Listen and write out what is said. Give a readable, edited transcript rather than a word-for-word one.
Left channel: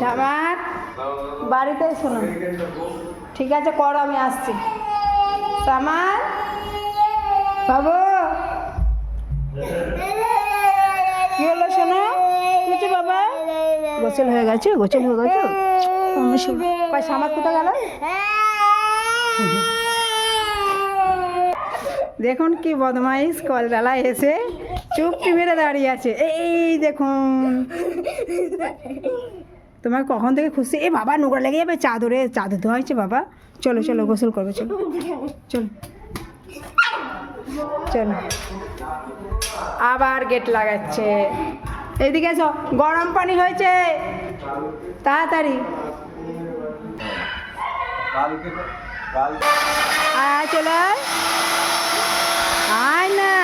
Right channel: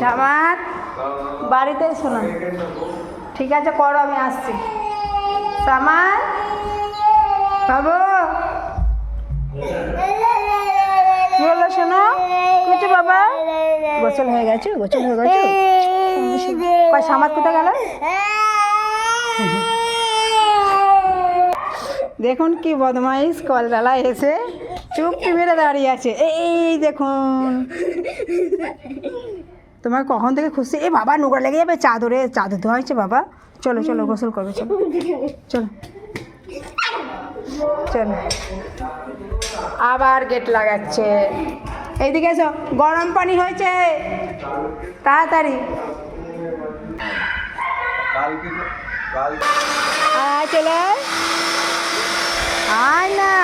Summer বাড়িতে এসো না, ঠিক আছে করো, আমি আসছি। সামার বাবু কি হলো শোনো, কিছু বাবা গোসল হয়ে গেছে, গোসল হয়ে গেছে। সামার কোথায় গেল? দেখুন কি বদমাইশ, কলবেলায় এসে চুপটি মেরে দাঁড়িয়ে আছে। এই দেখুন, তোমার কখন থেকে খুশি। এ বাবা নোংরা লেগে যাবে, চাদরে চাদর ধোয়া হয়েছে বাবা। চলো চলো গোসল করবে, চলো চলো চলো। আবার গেট লাগাচ্ছে। এইদিকে এসো, গরম পানি হয়েছে, তাড়াতাড়ি আয় চলে আয় না।